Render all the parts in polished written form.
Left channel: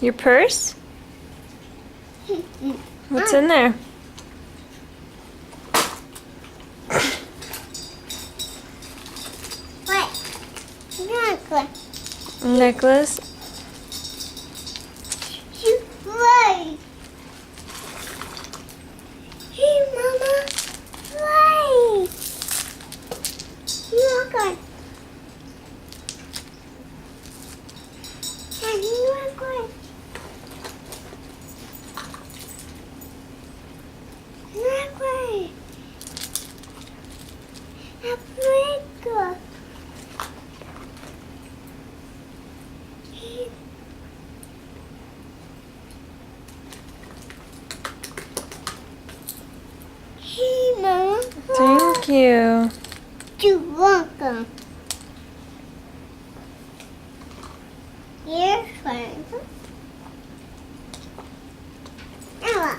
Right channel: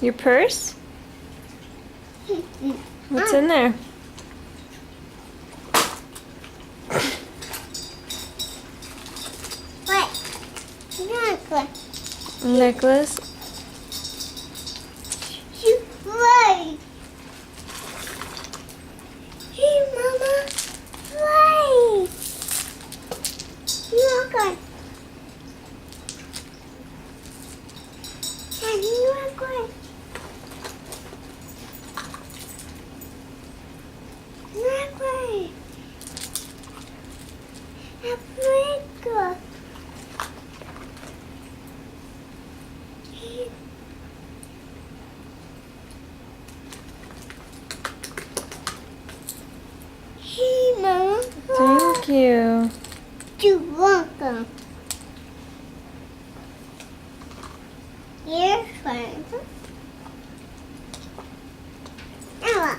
Your purse? What's in there? What? Necklace? Right. Hey, Mama. Right. Look on. And look on. Look on. Africa. Hey, Mama. Thank you. You're welcome. Here's one. Mama.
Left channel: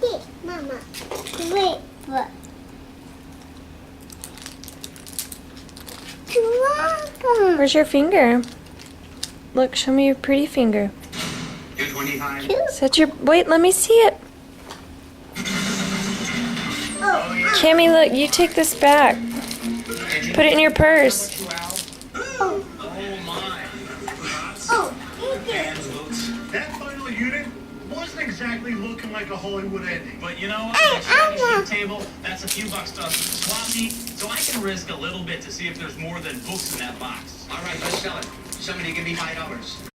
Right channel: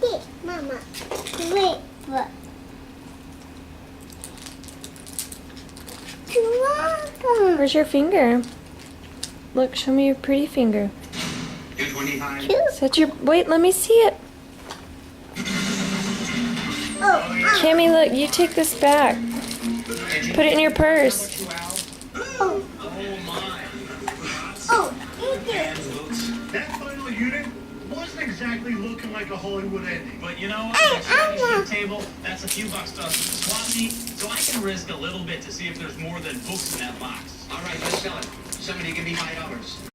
Hey, Mama. Wait, what? You're welcome. Where's your finger? Look, show me your pretty finger. Set your... Wait, let me see it. Cami, look, you take this back. Put it in your purse. Oh, thank you. That final unit wasn't exactly looking like a Hollywood ending. But you know, Hey, the Anna. table, that's a few bucks to us at the swap meet, so I can risk a little bit to see if there's more than books in that box. All right, let's sell it. Somebody give me $5.